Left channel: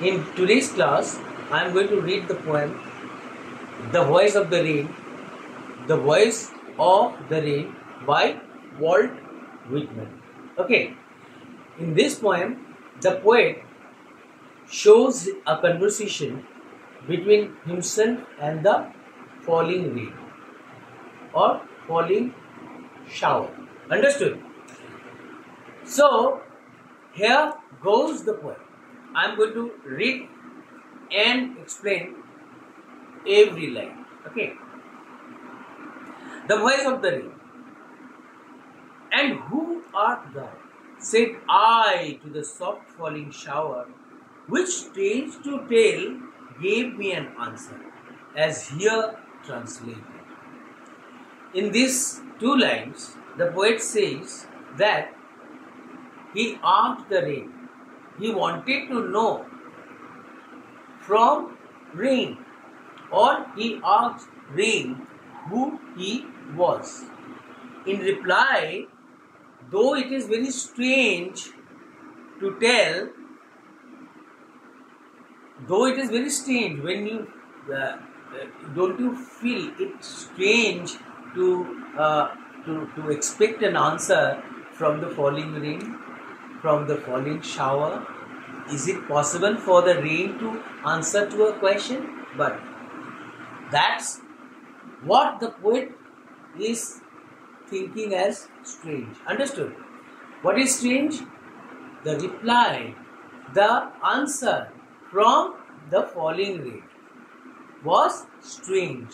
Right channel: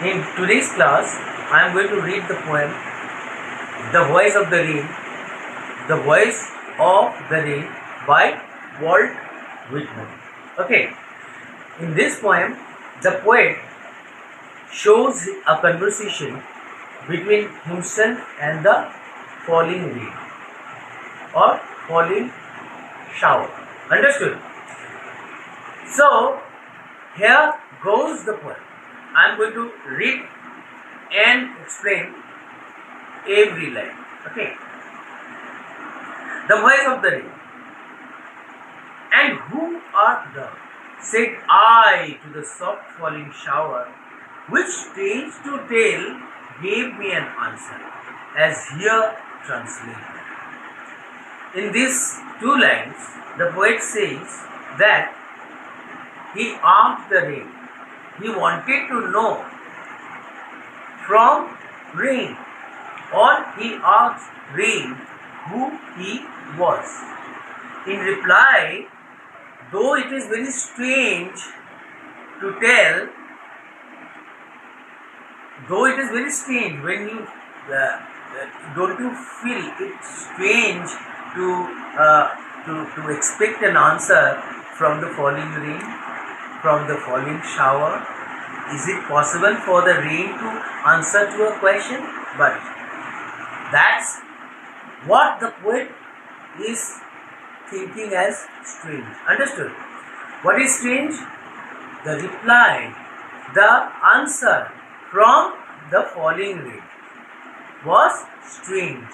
In today's class, I am going to read the poem The Voice of the Rain, The Voice of the Rain by Walt Whitman. Okay, in this poem, the poet shows a conversation between himself and the falling rain or falling shower. Understood? So, here goes the poem. I am going to read and explain every line. Okay. The voice of the rain. And who art thou? Said I to the soft falling shower, which strange to tell gave me an answer, as here translated. In these two lines, the poet says that he asked the rain. He wanted to know from rain, or he asked rain who he was. In reply, though it is very strange to tell, though it is very strange when you don't you feel it strange to expect an answer from the falling rain, from the falling shower? Is it possible for the rain to answer to a question? But that's what the poet is thinking as strange. Understood? What is strange? The reply, the answer from the falling rain was strange.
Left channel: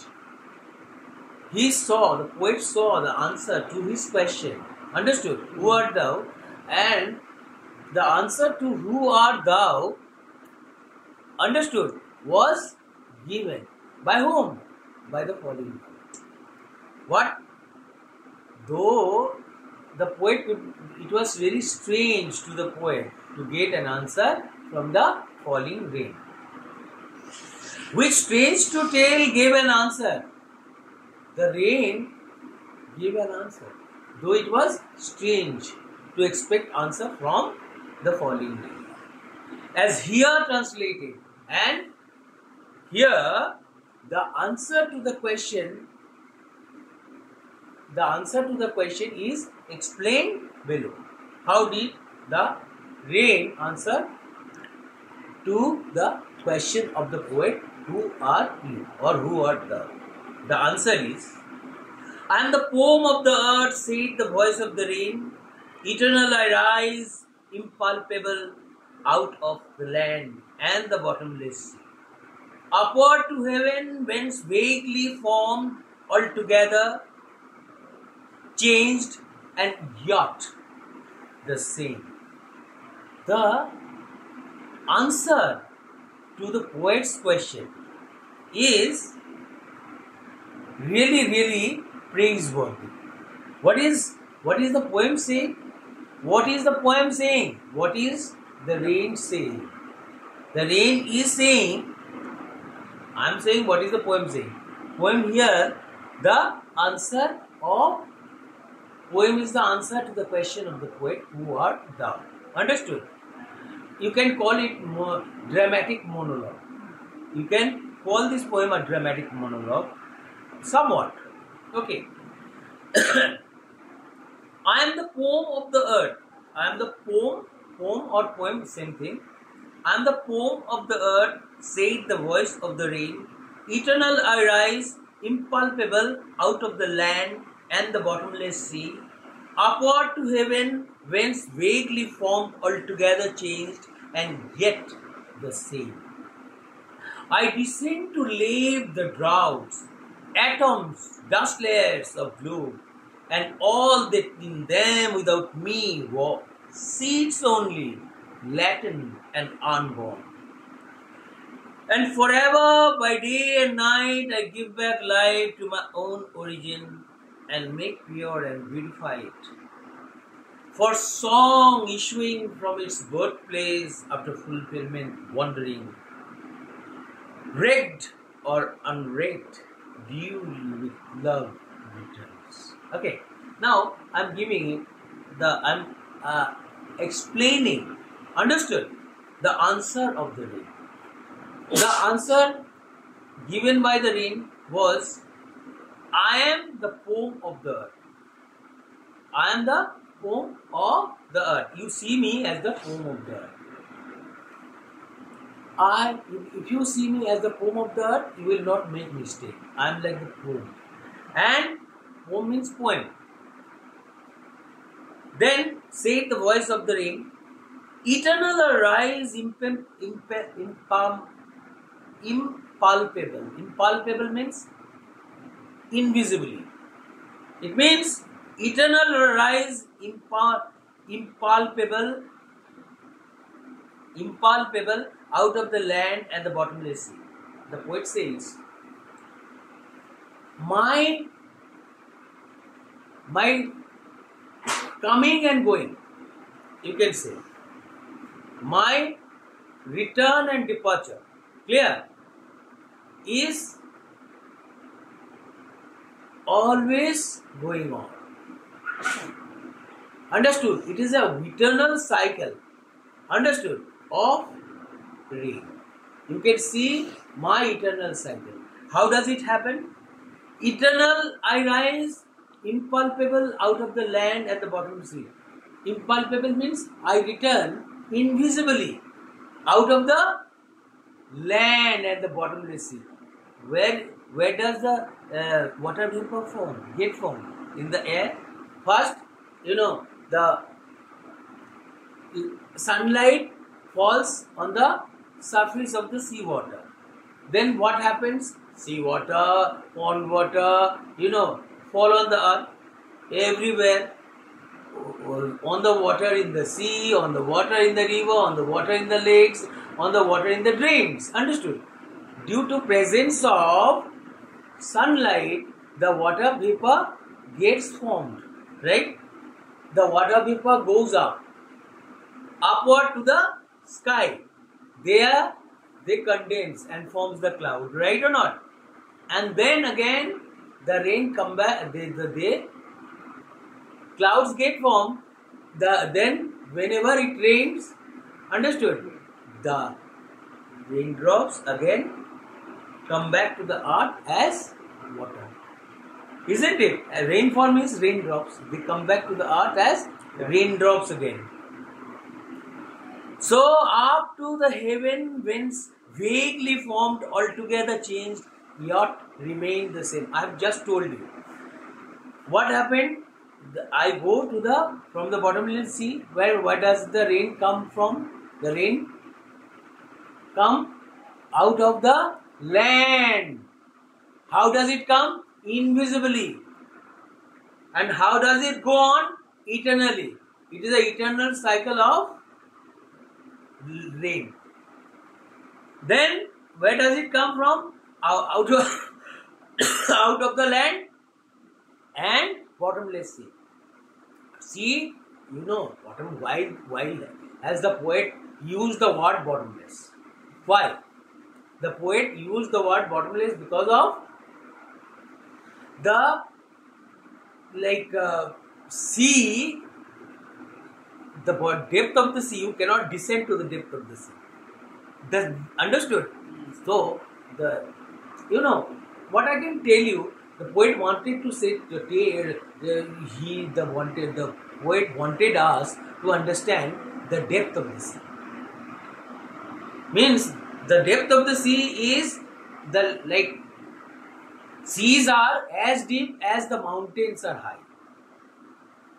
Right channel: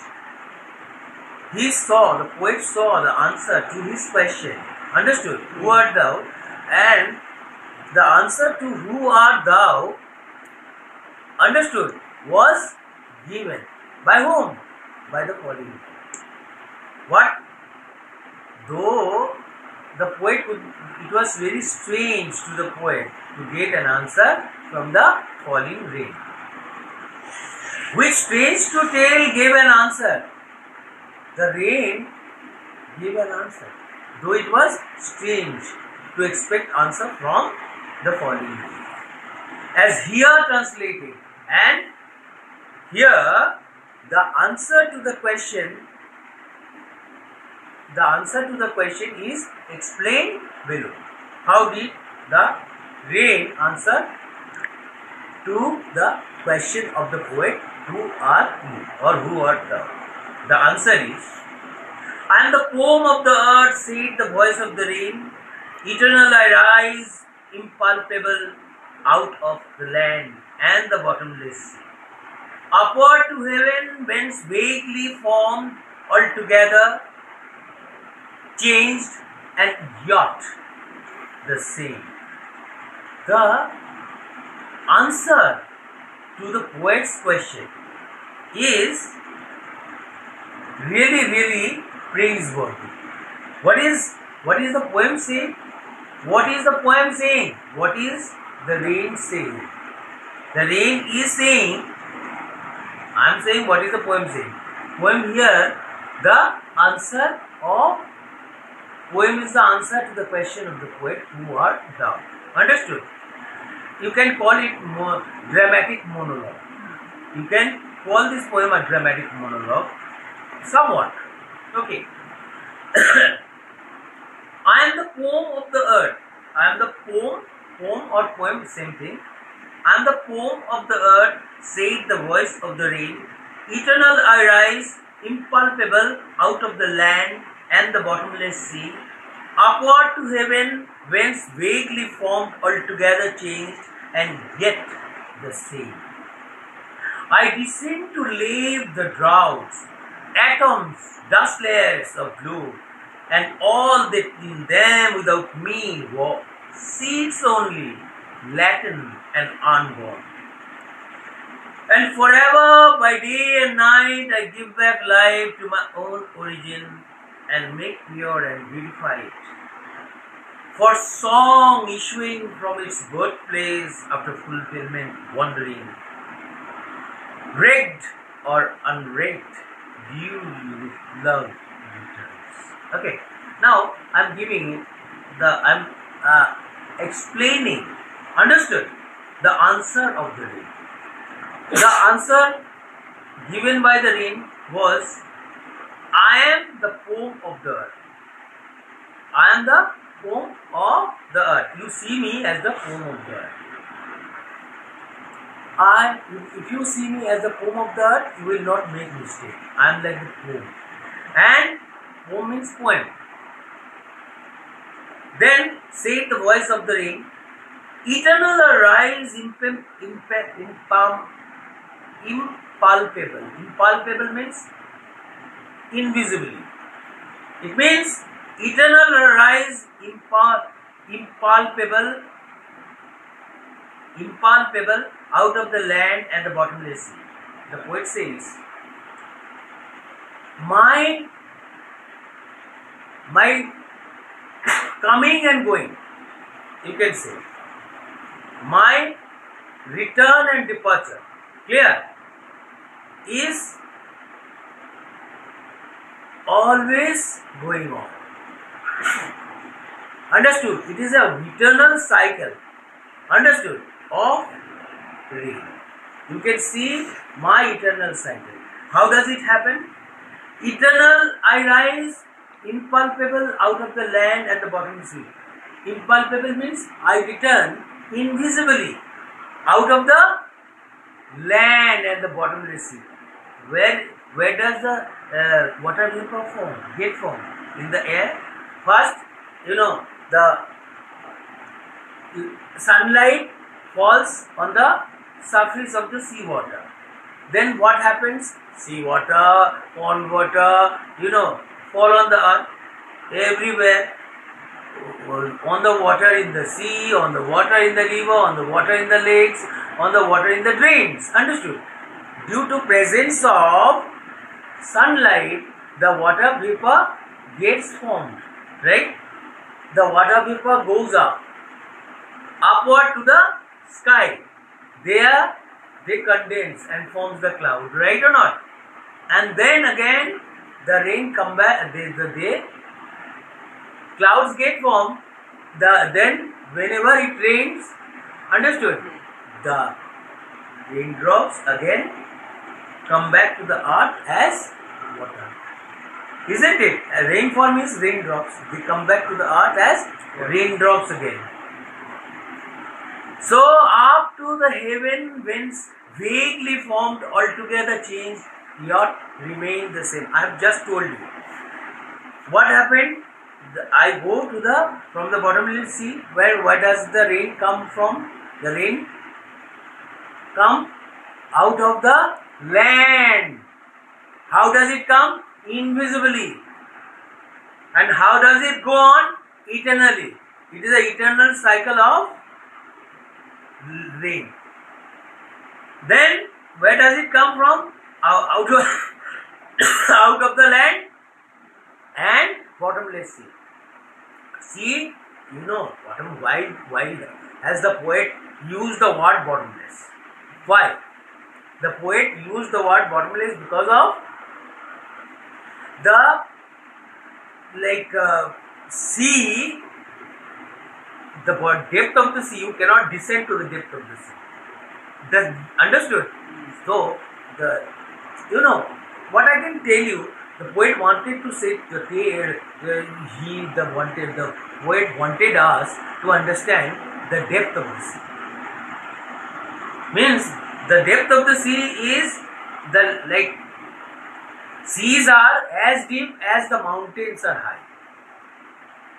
The poet saw the answer to his question. Understood? Who art thou? And the answer to who art thou, understood, was given. By whom? By the falling rain. What? Though the poet it was very strange to the poet to get an answer from the falling rain. Which strange to tell gave an answer. The rain gave an answer, though it was strange to expect answer from the falling rain. As here translated, and here the answer to the question is explained below. How did the rain answer to the question of the poet, who are you or who art thou? The answer is, I am the poem of the earth, said the voice of the rain. Eternal I rise, impalpable, out of the land and the bottomless sea. Upward to heaven, whence vaguely formed, altogether changed and yet the same. The answer to the poet's question is really praiseworthy. What is the poem saying? What is the poem saying? What is the rain saying? The rain is saying, I am saying, what is the poem saying? Poem here, the answer of poem is the answer to the question of the poet, who art thou? Understood? You can call it dramatic monologue. You can call this poem a dramatic monologue, somewhat. Okay. I am the poem of the earth. I am the poem or poem, same thing. I am the poem of the earth, said the voice of the rain. Eternal I rise, impalpable, out of the land and the bottomless sea. Upward to heaven, whence vaguely formed, altogether changed, and yet the same. I descend to lave the droughts, atoms, dust layers of gloom, and all that in them without me were seeds only, latent and unborn. And forever, by day and night, I give back life to my own origin and make pure and beautify it. For song issuing from its birthplace after fulfillment, wandering, wrecked or unwrecked, duly with love returns. Okay, now I'm explaining, understood, the answer of the rain. The answer given by the rain was, I am the foam of the earth. I am the foam of the earth. You see me as the foam of the earth. If you see me as the foam of the earth, you will not make mistake. I am like the foam. And foam means poem. Then said the voice of the rain, eternal arise impalpable. Impalpable means invisibly. It means eternal arise impalpable out of the land and the bottomless sea. The poet says, my coming and going, you can say, my return and departure, clear, is always going on. Understood? It is a eternal cycle, understood, of rain. You can see my eternal cycle. How does it happen? Eternal, I rise, impalpable out of the land at the bottom sea. Impalpable means I return invisibly out of the land at the bottomless sea. Where does the water vapor get formed? In the air. First, the sunlight falls on the surface of the sea water. Then what happens? Sea water, pond water, fall on the earth everywhere. On the water in the sea, on the water in the river, on the water in the lakes, on the water in the drains. Understood? Due to presence of sunlight, the water vapor gets formed. Right? The water vapor goes upward to the sky. There they condense and forms the cloud. Right or not? And then again the rain come back. Clouds get formed. Then whenever it rains, understood? The raindrops again come back to the earth as water. Isn't it? Rainfall means raindrops. They come back to the earth as raindrops again. So up to the heaven whence vaguely formed, altogether changed, yet remain the same. I have just told you. What happened? I go to from the bottomless sea, where does the rain come from? The rain come out of the land. How does it come? Invisibly. And how does it go on? Eternally. It is an eternal cycle of rain. Then where does it come from? Out of out of the land and bottomless sea. See, bottom, why has the poet used the word bottomless? Why? The poet used the word bottomless because of the sea, the depth of the sea. You cannot descend to the depth of the sea. Understood? So what I can tell you, the poet wanted to say, the poet wanted us to understand the depth of the sea. Means the depth of the sea is seas are as deep as the mountains are high.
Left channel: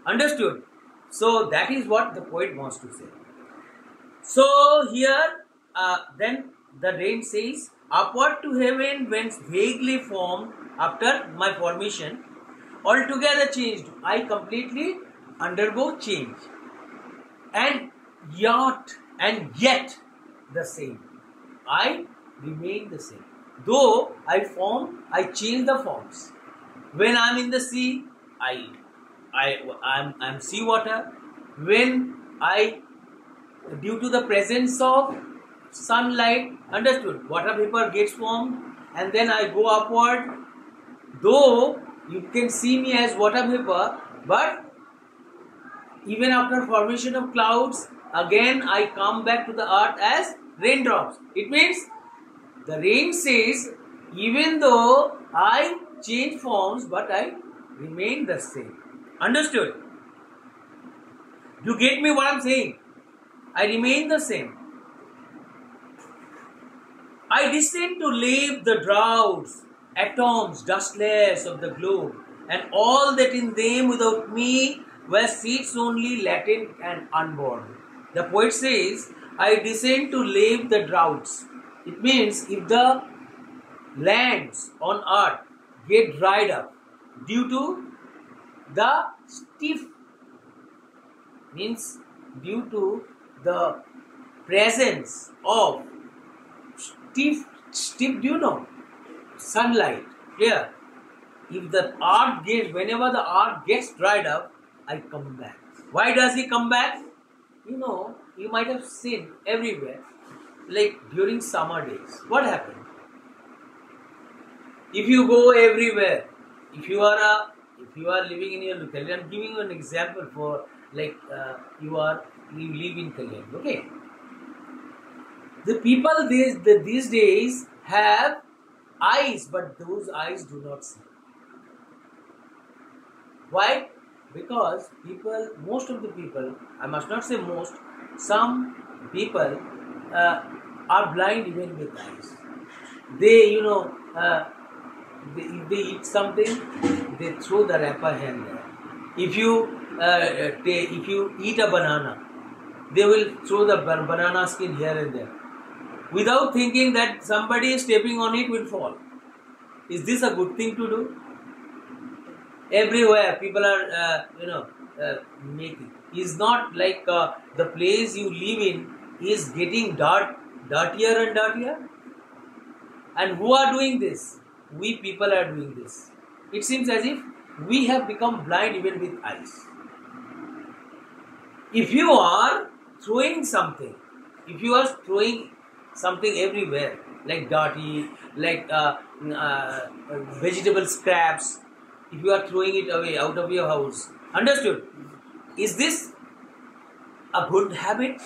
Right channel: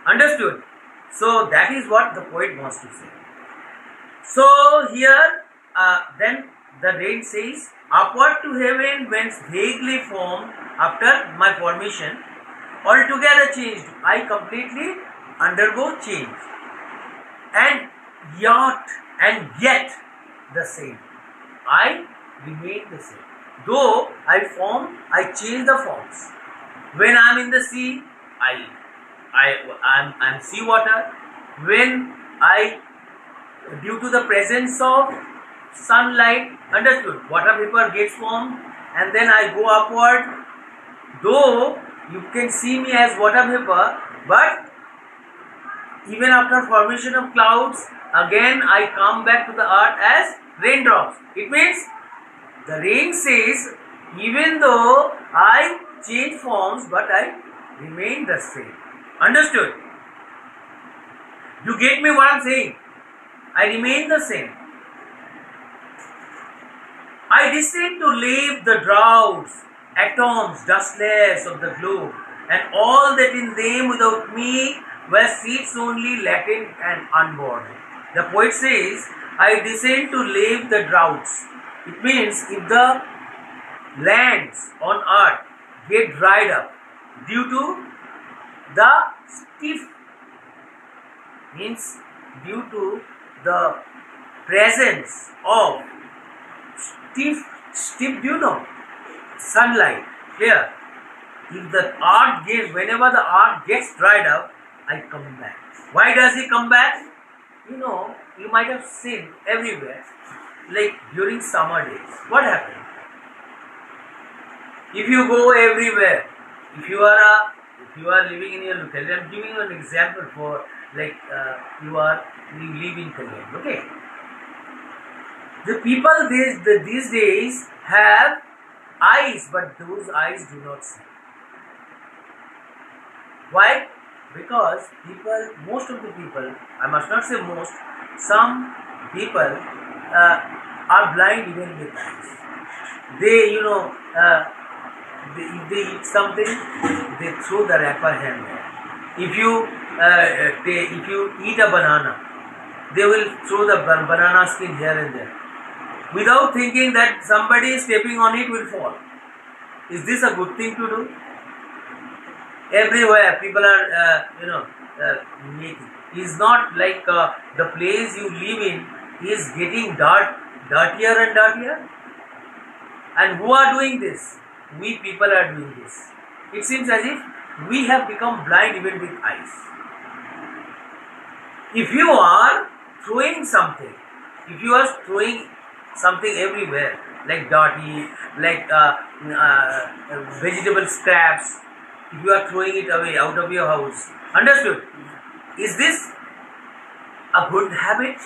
Understood? So that is what the poet wants to say. So here, then the rain says, upward to heaven whence vaguely formed after my formation, altogether changed. I completely undergo change. And yet the same. I remain the same. Though I change the forms. When I am in the sea, I'm sea water. When due to the presence of sunlight, understood, water vapor gets formed, and then I go upward. Though you can see me as water vapor, but even after formation of clouds, again I come back to the earth as raindrops. It means The rain says, even though I change forms, but I remain the same. Understood? You get me what I'm saying? I remain the same. I descend to leave the droughts, atoms, dust layers of the globe, and all that in them without me were seeds only latent and unborn. The poet says, I descend to leave the droughts. It means if the lands on earth get dried up due to the stiff, means due to the presence of stiff, do you know, sunlight, clear. If the earth gets, whenever the earth gets dried up, I come back. Why does he come back? You know, you might have seen everywhere, like during summer days. What happened? If you go everywhere, if you are living in your locality, I'm giving you an example for like you live in Kalyan, okay? The people these days have eyes, but those eyes do not see. Why? Because most of the people, I must not say most, some people are blind even with eyes. They, if they eat something, they throw the wrapper here and there. If you eat a banana, they will throw the banana skin here and there, without thinking that somebody stepping on it will fall. Is this a good thing to do? Everywhere people are, making. It's not like the place you live in is getting dirtier and dirtier. And who are doing this? We people are doing this. It seems as if we have become blind even with eyes. If you are throwing something, everywhere, like dirty, like vegetable scraps, if you are throwing it away out of your house, understood? Is this a good habit?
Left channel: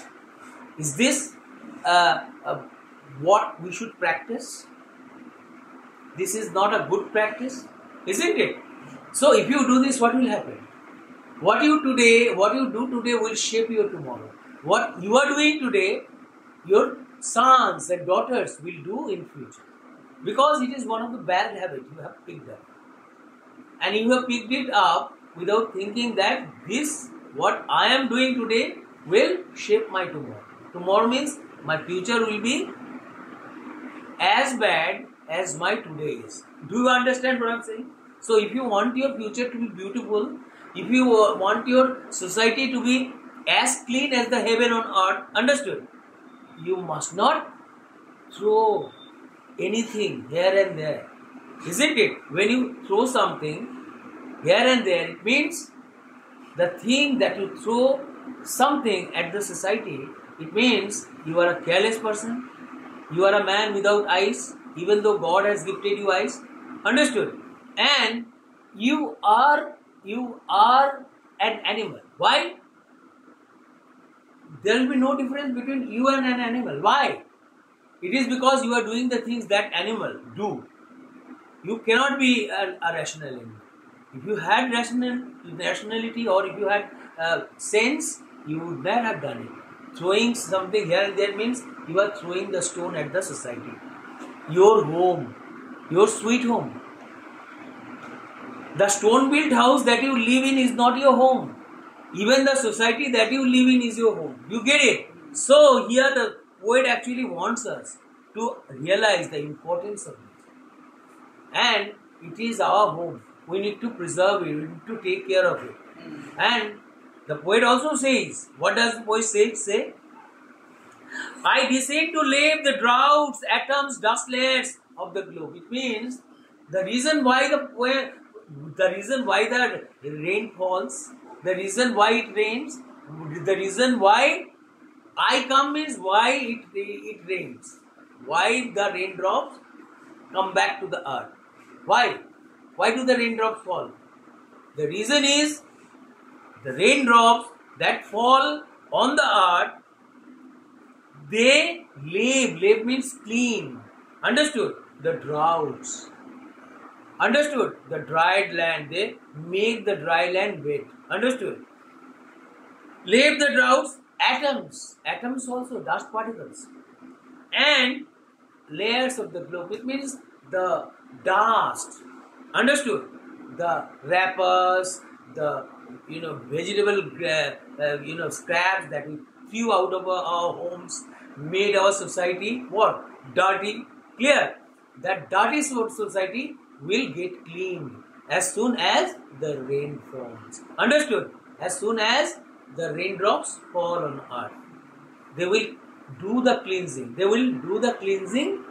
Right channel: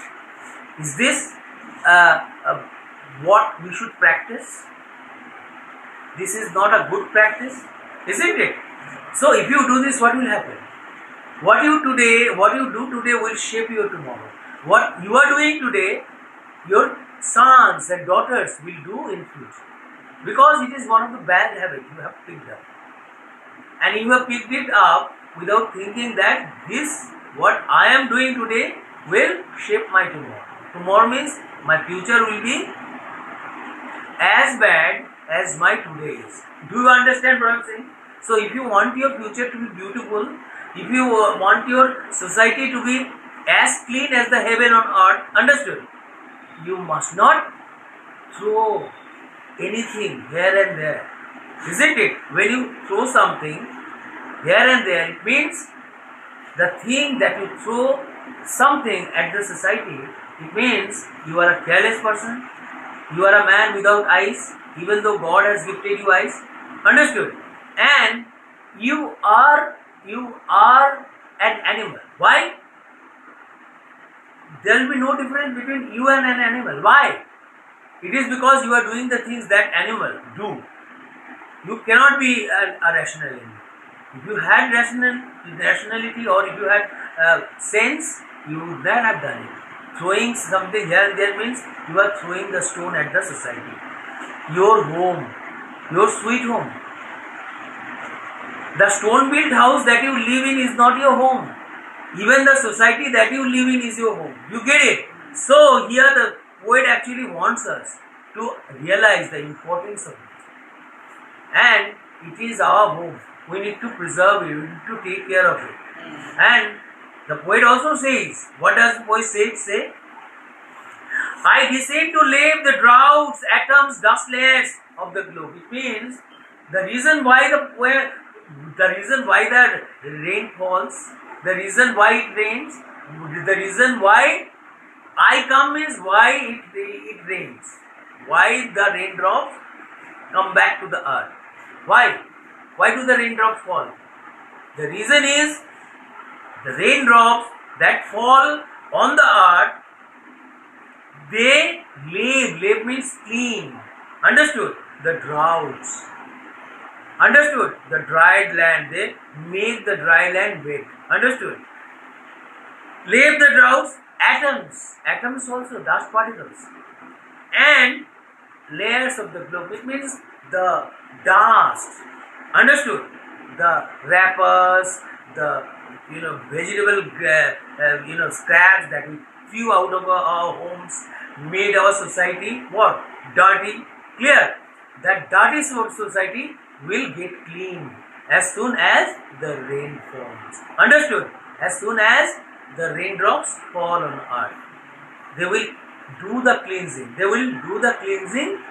Is this what we should practice? This is not a good practice, isn't it? So if you do this, what will happen? What you do today will shape your tomorrow. What you are doing today, your sons and daughters will do in future. Because it is one of the bad habits you have picked up. And you have picked it up without thinking that this, what I am doing today, will shape my tomorrow. Tomorrow means my future will be as bad as my today is. Do you understand what I am saying? So if you want your future to be beautiful, if you want your society to be as clean as the heaven on earth, understood? You must not throw anything here and there. Isn't it? When you throw something here and there, it means the thing that you throw something at the society, it means you are a careless person, you are a man without eyes, even though God has gifted you eyes. Understood? And you are an animal. Why? There will be no difference between you and an animal. Why? It is because you are doing the things that animal do. You cannot be a rational animal. If you had rationality, or if you had sense, you would not have done it. Throwing something here and there means you are throwing the stone at the society. Your home, your sweet home. The stone-built house that you live in is not your home. Even the society that you live in is your home. You get it? So here the poet actually wants us to realize the importance of it. And it is our home. We need to preserve it. We need to take care of it. And the poet also says, what does the poet say? I descend to leave the droughts, atoms, dust layers of the globe. It means the reason why the rain falls, the reason why it rains, the reason why I come is why it rains. Why the raindrops come back to the earth. Why? Why do the raindrops fall? The reason is the raindrops that fall on the earth, they lave means clean. Understood? The droughts. Understood? The dried land. They make the dry land wet. Understood? Lave the droughts, atoms. Atoms also, dust particles. And layers of the globe. It means the dust. Understood? The wrappers, the vegetable scraps that we threw out of our homes made our society what? Dirty. Clear? That dirty society will get clean as soon as the rain falls. Understood? As soon as the raindrops fall on earth, they will do the cleansing. They will do the cleansing.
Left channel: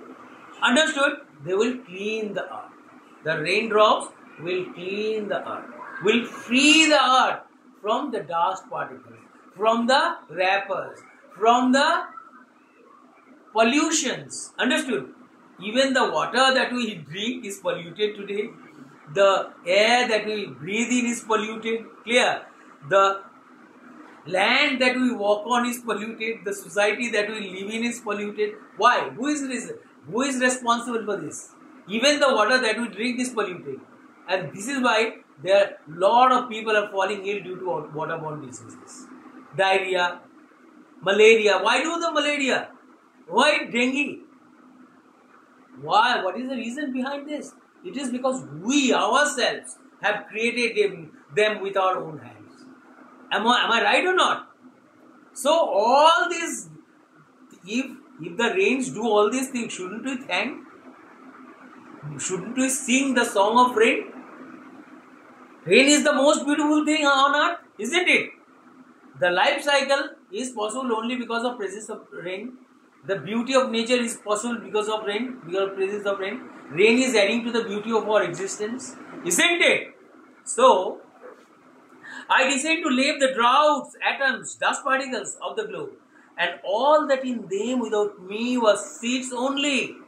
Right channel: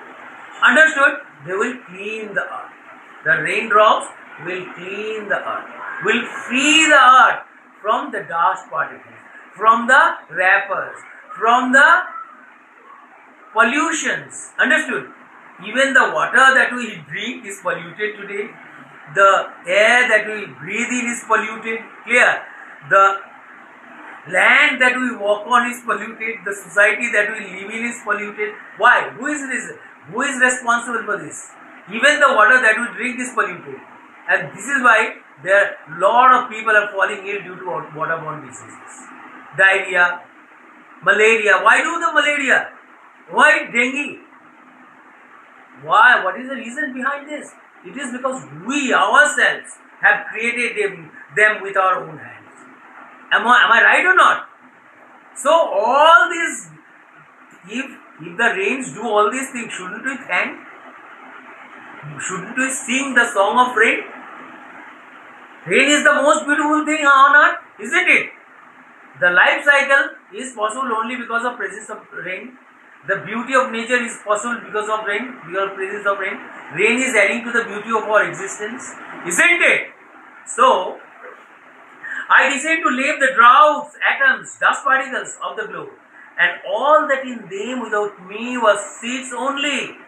Understood? They will clean the earth. The raindrops will clean the earth, will free the earth from the dust particles, from the wrappers, from the pollutions. Understood? Even the water that we drink is polluted today. The air that we breathe in is polluted. Clear? The land that we walk on is polluted. The society that we live in is polluted. Why? Who is responsible for this? Even the water that we drink is polluted. And this is why there are lot of people are falling ill due to waterborne diseases. Diarrhea, malaria. Why do the malaria? Why dengue? Why? What is the reason behind this? It is because we ourselves have created them with our own hands. Am I right or not? So all this, if the rains do all these things, shouldn't we thank? Shouldn't we sing the song of rain? Rain is the most beautiful thing on earth, isn't it? The life cycle is possible only because of presence of rain. The beauty of nature is possible because of rain, because of presence of rain. Rain is adding to the beauty of our existence, isn't it? So, I decide to leave the droughts, atoms, dust particles of the globe, and all that in them without me was seeds only,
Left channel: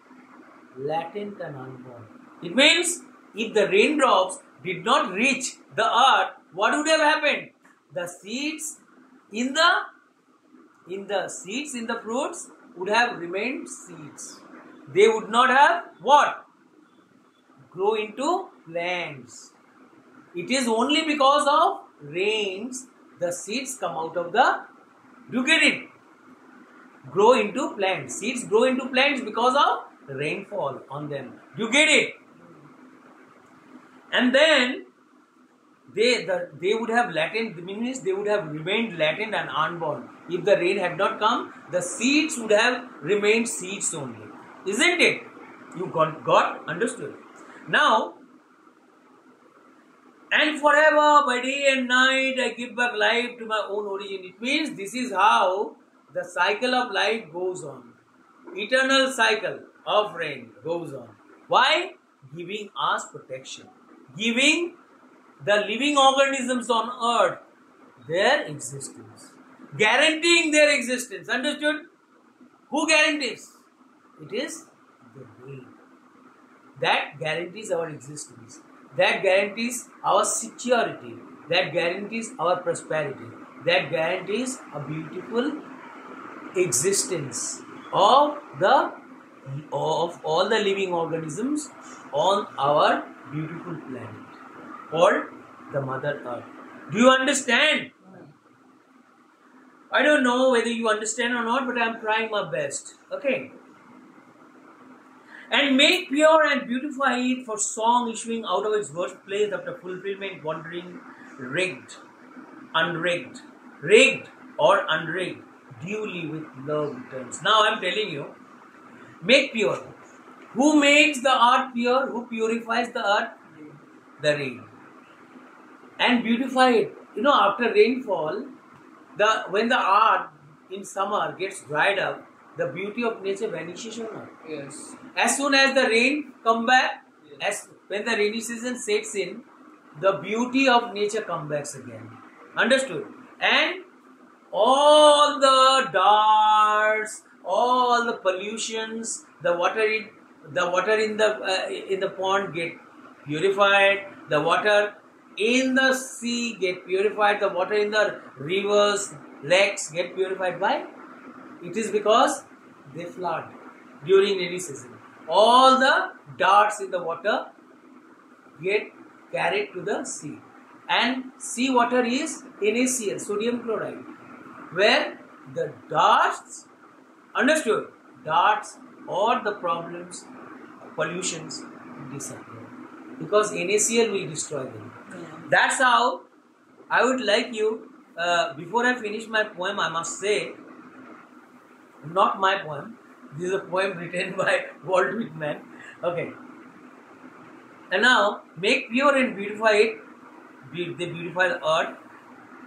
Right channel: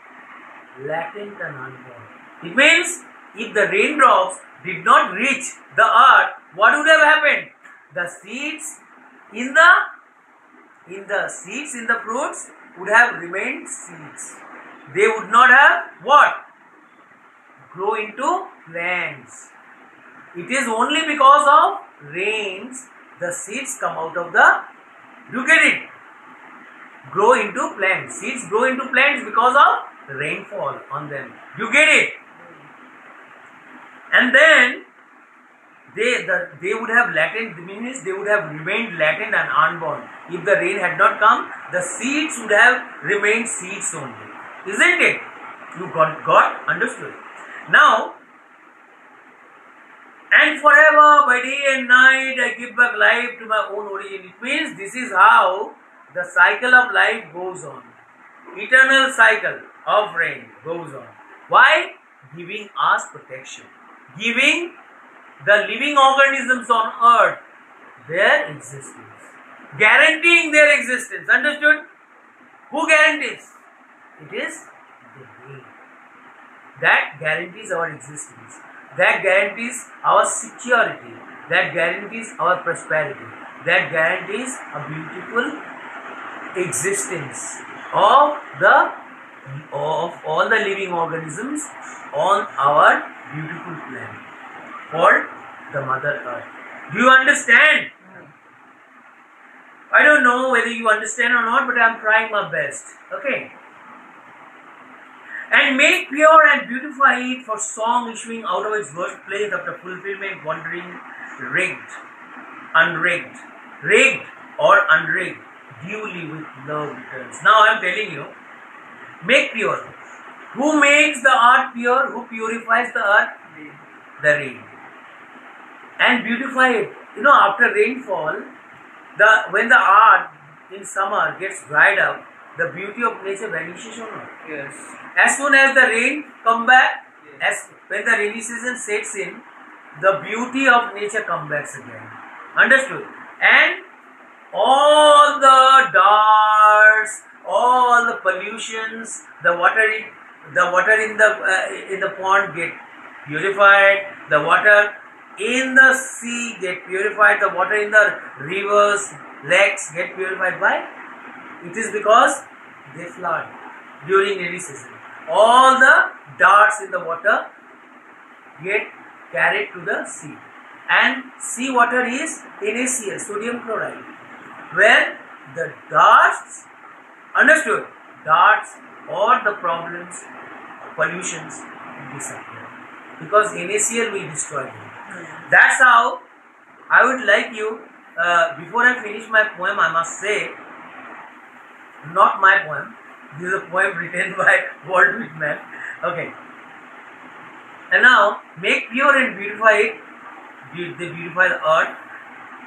latent and unborn. It means, if the raindrops did not reach the earth, what would have happened? The seeds in the fruits would have remained seeds. They would not have what? Grow into plants. It is only because of rains the seeds come out of the, you get it? Grow into plants. Seeds grow into plants because of rainfall on them. You get it? And then they would have latent, means they would have remained latent and unborn. If the rain had not come, the seeds would have remained seeds only. Isn't it? You got understood. Now, and forever by day and night I give back life to my own origin. It means this is how the cycle of life goes on. Eternal cycle of rain goes on. Why? Giving us protection. Giving the living organisms on earth their existence. Guaranteeing their existence. Understood? Who guarantees? It is the rain. That guarantees our existence. That guarantees our security. That guarantees our prosperity. That guarantees a beautiful existence of all the living organisms on our beautiful planet called the Mother Earth. Do you understand? I don't know whether you understand or not, but I am trying my best. Okay. And make pure and beautify it for song issuing out of its birthplace after fulfillment, wandering, rigged, unrigged, rigged or unrigged, duly with love returns. Now I am telling you, make pure. Who makes the earth pure? Who purifies the earth? The rain. And beautify it. You know, after rainfall, when the earth in summer gets dried up, the beauty of nature vanishes or not? Yes. As soon as the rain come back, when the rainy season sets in, the beauty of nature comes back again. Understood? And all the darts, all the pollutions, the water in the pond get purified, the water in the sea get purified, the water in the rivers, lakes get purified. Why? It is because they flood during rainy season. all the darts in the water get carried to the sea, and sea water is NaCl, sodium chloride, where the darts, understood, darts or the problems, pollutions disappear because NaCl will destroy them. That's how I would like you, before I finish my poem, I must say, not my poem, this is a poem written by Walt Whitman. Okay. And now, make pure and beautify it, the beautiful earth,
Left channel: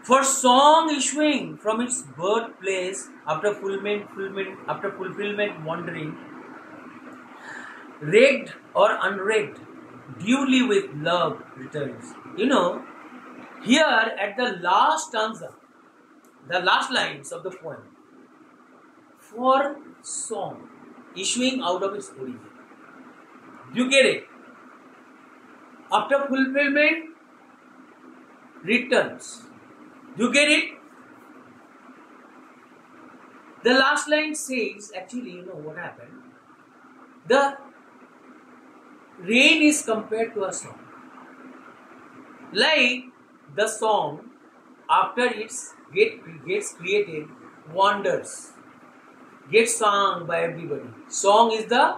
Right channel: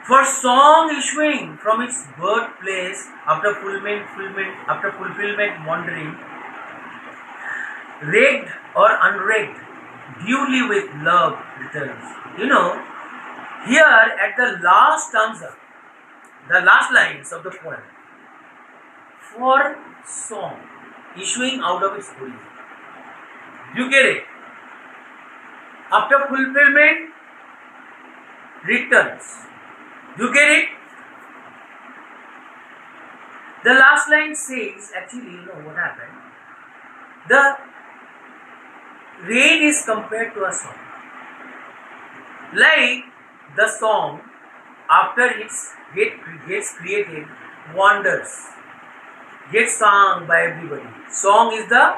for song issuing from its birthplace after fulfillment wandering, raked or unraked, duly with love returns. You know, here at the last stanza, the last lines of the poem, for song issuing out of its origin. You get it? After fulfillment returns. You get it? The last line says, actually, you know what happened? The rain is compared to a song. Like the song, after it gets created, wanders, gets sung by everybody. Song is the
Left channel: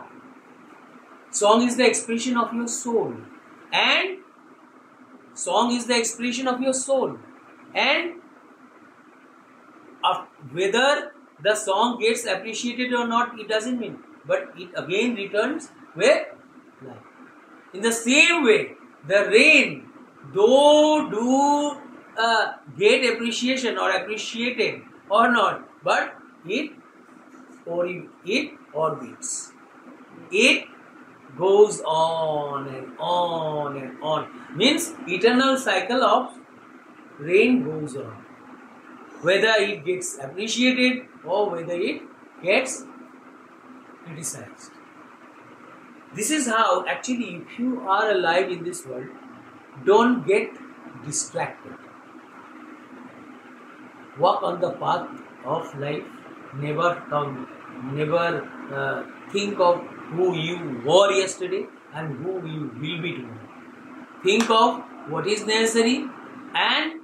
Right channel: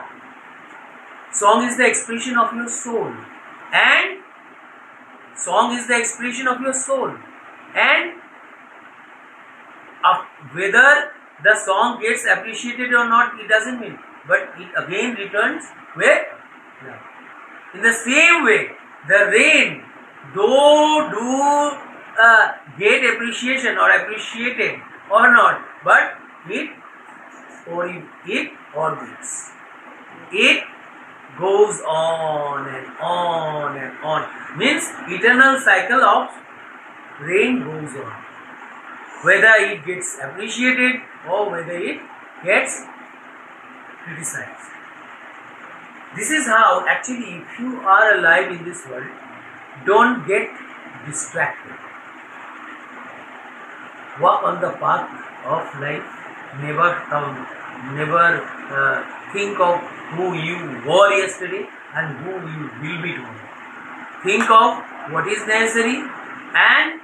expression of your soul, and song is the expression of your soul, and whether the song gets appreciated or not, it doesn't mean, but it again returns with love. In the same way, the rain, though do get appreciation or appreciated or not, but it orbits. It goes on and on and on. Means eternal cycle of rain goes on. Whether it gets appreciated or whether it gets criticized. This is how, actually, if you are alive in this world, don't get distracted. Walk on the path of life. Never think of who you were yesterday and who you will be tomorrow. Think of what is necessary and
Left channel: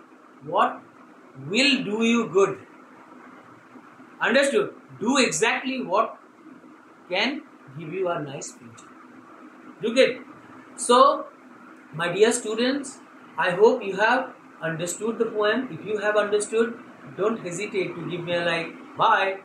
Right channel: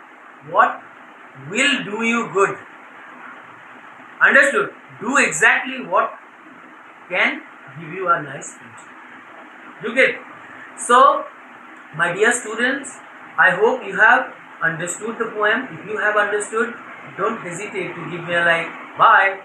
what will do you good. Understood? Do exactly what can give you a nice future. You get? So, my dear students, I hope you have understood the poem. If you have understood, don't hesitate to give me a like. Bye.